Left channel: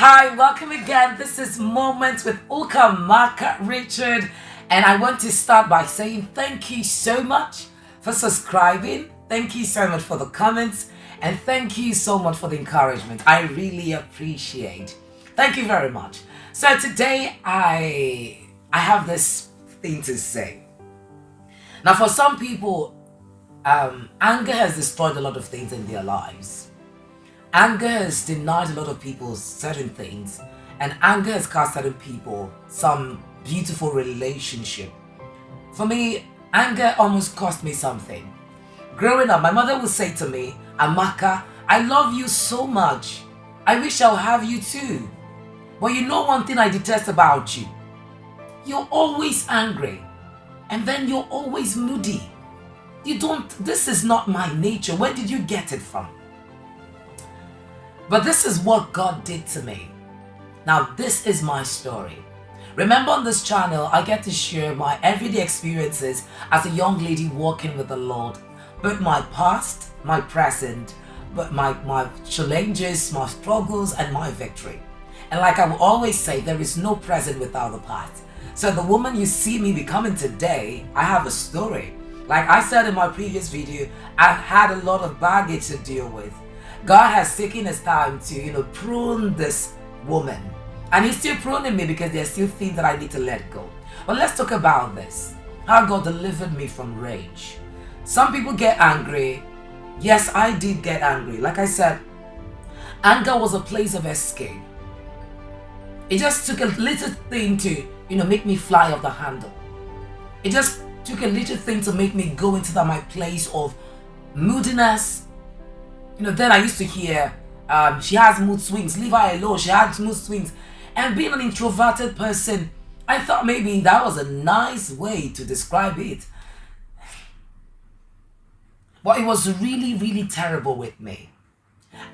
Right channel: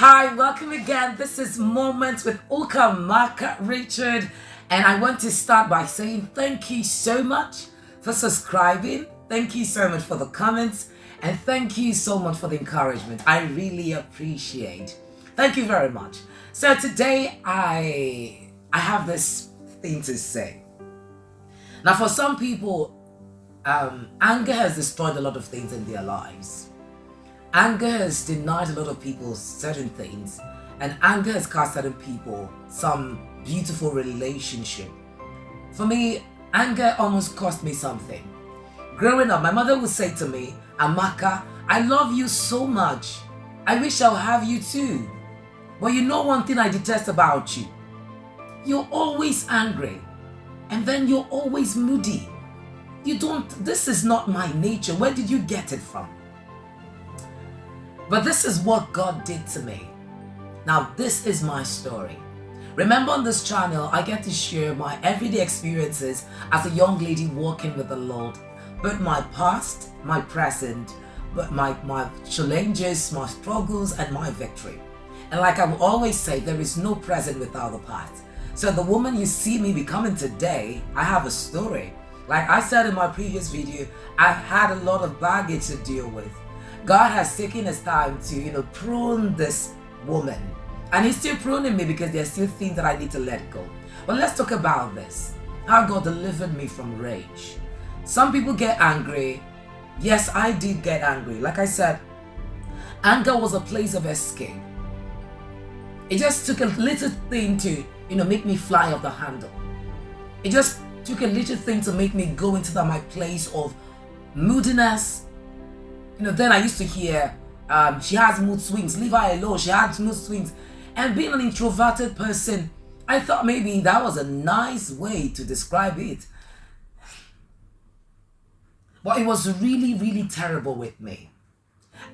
Hi, welcome again. This is Moments with Ukamaka Richard, and I want to start by saying thank you so much for subscribing. Thank you so much for the comments, and thank you so much for the encouragement. I really appreciate. Thank you very much. So today I have this thing to say. Now, for some people, anger has destroyed a lot of things in their lives. Anger has denied a lot of people certain things, and anger has cost certain people some beautiful relationship. For me, anger almost cost me something. Growing up, my mother would say to me, Amaka, I love you so much. I wish I'll have you too. But you know one thing I detest about you? You're always angry, and then you're always moody. This is not my nature. Where did you get it from? But this is what God did to me. Now, this is my story. Remember, on this channel, I get to share my everyday experiences as a young lady walking with the Lord. Both my past, my present, but my challenges, my struggles, and my victory. And like I will always say, there is no present without the past. So the woman you see me becoming today, I have a story. Like I said in my previous video, I've had a lot of baggage to deal with. God has taken his time to, prune this woman. And he's still pruning me because there's still things that I need to let go. But let's talk about this. How God delivered me from rage. Some people get angry. Yes, I did get angry. Like I said, anger was a place of escape. It just took a little thing to, make me fly off the handle. It just took a little thing to make me go into my place of moodiness. Then I used to hear, she has mood swings, leave her alone, she has mood swings. And being an introverted person, I thought maybe that was a nice way to describe it. But it was really, really terrible with me.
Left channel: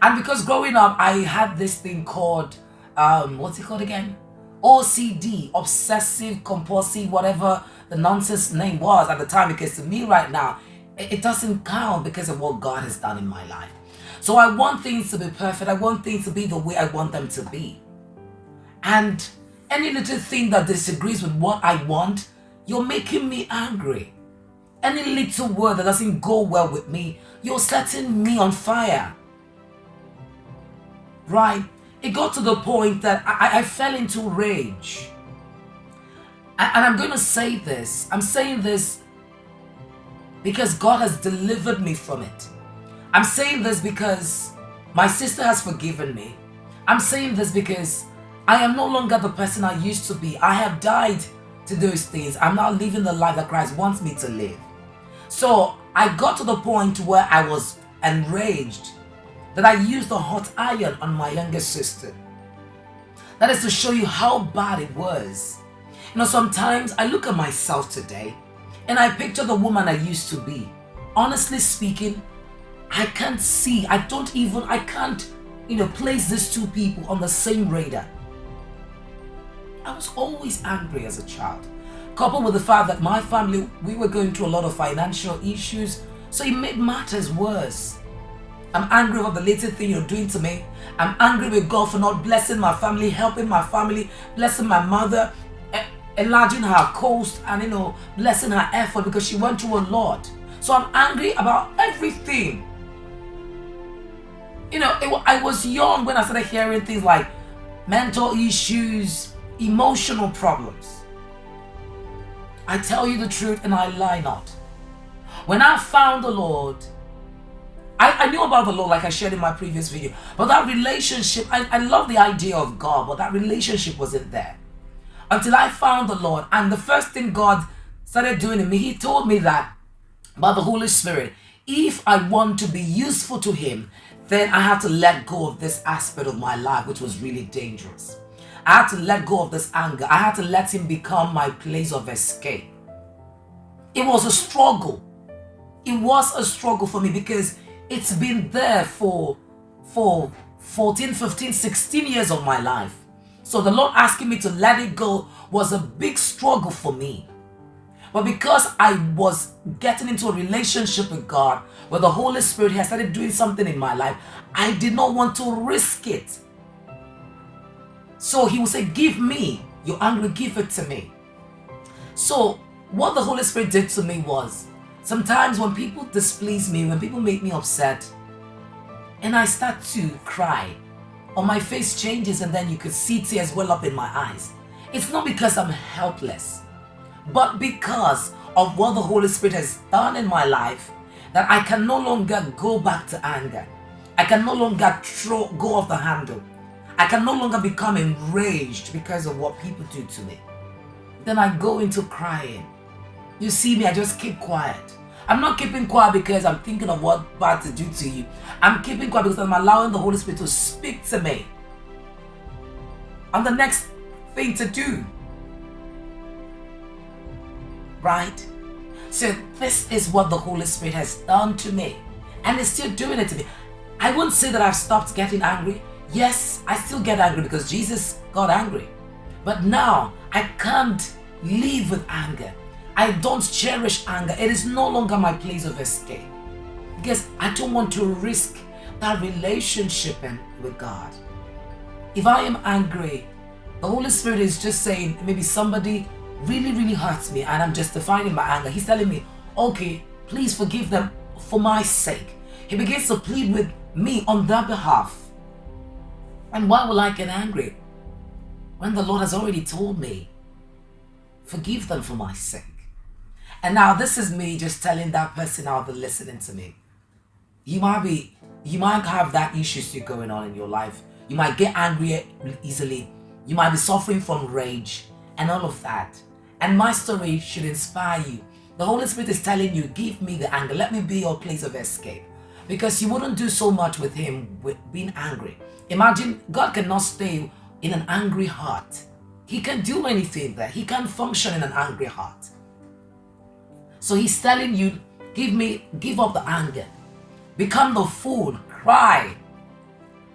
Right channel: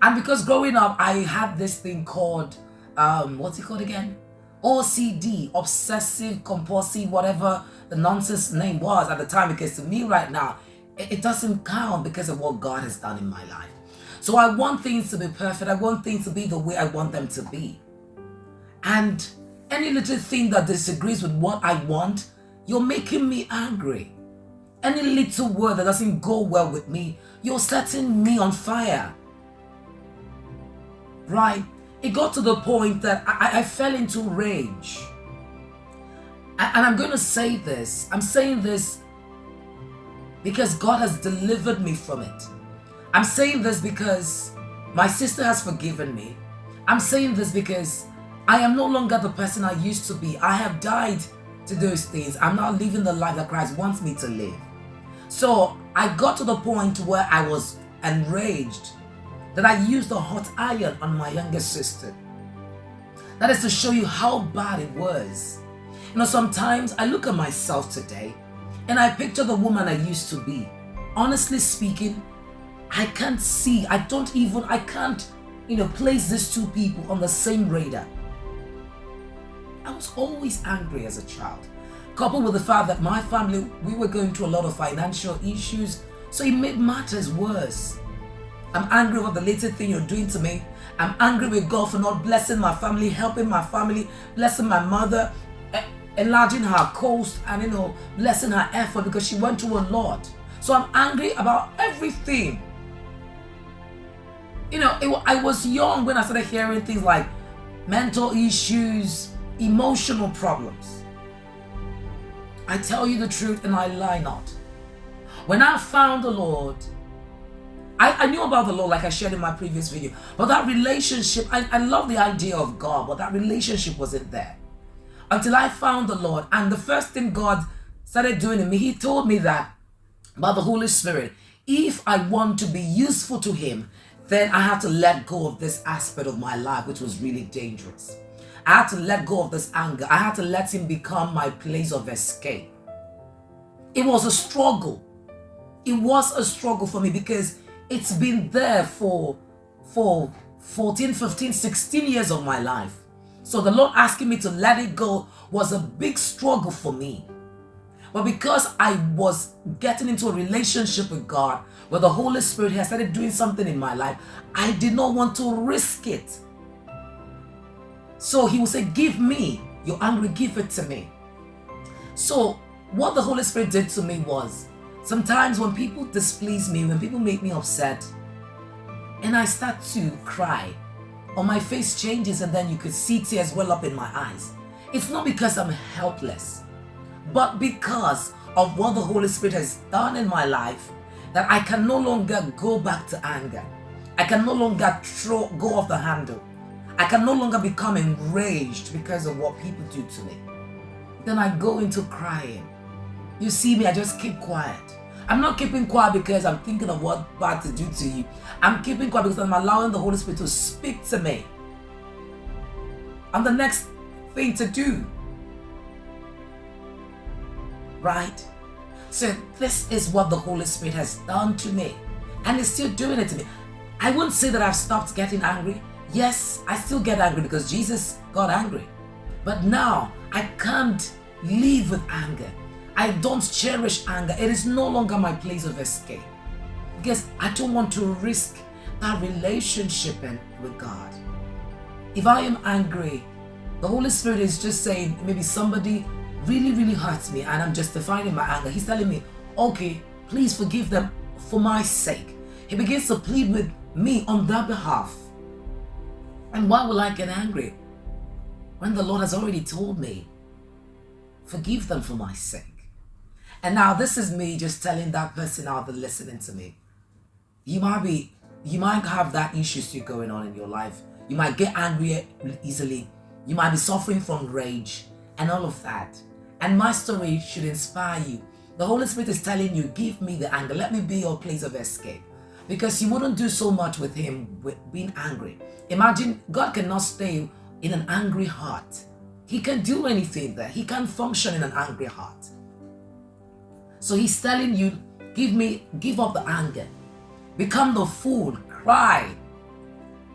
And because growing up, I had this thing called, what's it called again? OCD, obsessive, compulsive, whatever the nonsense name was at the time. Because to me right now, it doesn't count because of what God has done in my life. So I want things to be perfect. I want things to be the way I want them to be. And any little thing that disagrees with what I want, you're making me angry. Any little word that doesn't go well with me, you're setting me on fire. Right? It got to the point that I fell into rage. And I'm going to say this. I'm saying this because God has delivered me from it. I'm saying this because my sister has forgiven me. I'm saying this because I am no longer the person I used to be. I have died to those things. I'm now living the life that Christ wants me to live. So I got to the point where I was enraged that I used the hot iron on my younger sister. That is to show you how bad it was. Sometimes I look at myself today and I picture the woman I used to be. Honestly speaking, I can't place these two people on the same radar. I was always angry as a child, coupled with the fact that my family, we were going through a lot of financial issues, so it made matters worse. I'm angry about the little thing you're doing to me. I'm angry with God for not blessing my family, helping my family, blessing my mother, enlarging her coast, and blessing her effort because she went through a lot. So I'm angry about everything. I was young when I started hearing things like mental issues, emotional problems. I tell you the truth and I lie not. When I found the Lord, I knew about the Lord like I shared in my previous video. But that relationship, I love the idea of God, but that relationship wasn't there. Until I found the Lord. And the first thing God started doing in me, he told me that by the Holy Spirit, if I want to be useful to him, then I had to let go of this aspect of my life, which was really dangerous. I had to let go of this anger. I had to let him become my place of escape. It was a struggle. It was a struggle for me because it's been there for 14, 15, 16 years of my life. So the Lord asking me to let it go was a big struggle for me. But because I was getting into a relationship with God, where the Holy Spirit has started doing something in my life, I did not want to risk it. So he will say, give me. You're angry, give it to me. So what the Holy Spirit did to me was, sometimes when people displease me, when people make me upset, and I start to cry, or my face changes and then you could see tears well up in my eyes, it's not because I'm helpless, but because of what the Holy Spirit has done in my life, that I can no longer go back to anger. I can no longer go off the handle. I can no longer become enraged because of what people do to me. Then I go into crying. You see me, I just keep quiet. I'm not keeping quiet because I'm thinking of what bad to do to you. I'm keeping quiet because I'm allowing the Holy Spirit to speak to me. And the next thing to do. Right? So this is what the Holy Spirit has done to me. And it's still doing it to me. I won't say that I've stopped getting angry. Yes, I still get angry because Jesus got angry. But now I can't live with anger. I don't cherish anger. It is no longer my place of escape. Because I don't want to risk that relationship with God. If I am angry, the Holy Spirit is just saying, maybe somebody really hurts me and I'm justifying my anger. He's telling me, okay, please forgive them for my sake. He begins to plead with me on their behalf. And why will I get angry when the Lord has already told me, forgive them for my sake? And now this is me just telling that person out there listening to me. You might have that issue still going on in your life. You might get angry easily. You might be suffering from rage and all of that. And my story should inspire you. The Holy Spirit is telling you, give me the anger. Let me be your place of escape. Because you wouldn't do so much with him with being angry. Imagine God cannot stay in an angry heart. He can't do anything there. He can't function in an angry heart. So he's telling you, give up the anger. Become the fool. Cry.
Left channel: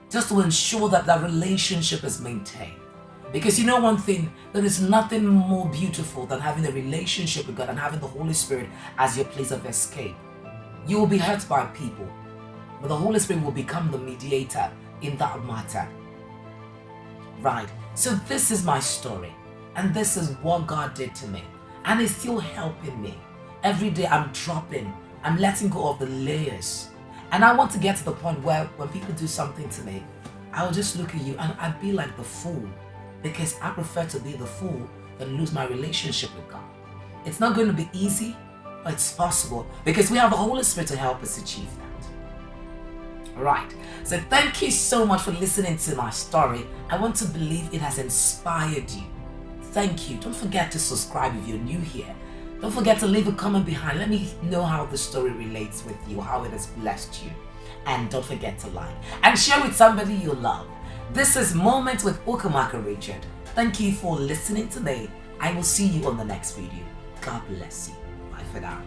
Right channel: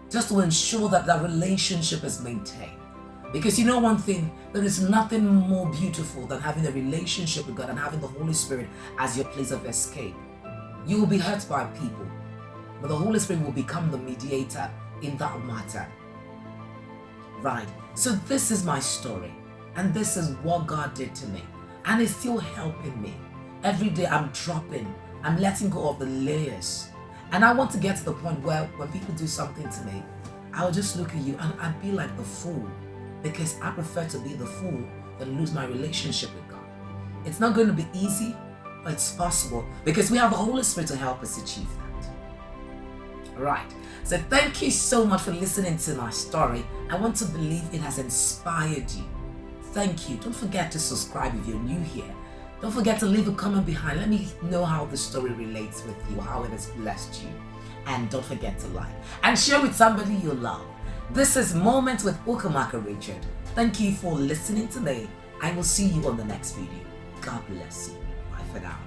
Just to ensure that that relationship is maintained. Because you know one thing, there is nothing more beautiful than having a relationship with God and having the Holy Spirit as your place of escape. You will be hurt by people, but the Holy Spirit will become the mediator in that matter. Right? So this is my story, and this is what God did to me, and it's still helping me. Every day I'm letting go of the layers. And I want to get to the point where when people do something to me, I'll just look at you and I'd be like the fool. Because I prefer to be the fool than lose my relationship with God. It's not going to be easy, but it's possible because we have the Holy Spirit to help us achieve that. Alright, so thank you so much for listening to my story. I want to believe it has inspired you. Thank you. Don't forget to subscribe if you're new here. Don't forget to leave a comment behind. Let me know how the story relates with you, how it has blessed you. And don't forget to like and share with somebody you love. This is Moments with Ukamaka Richard. Thank you for listening today. I will see you on the next video. God bless you. Bye for now.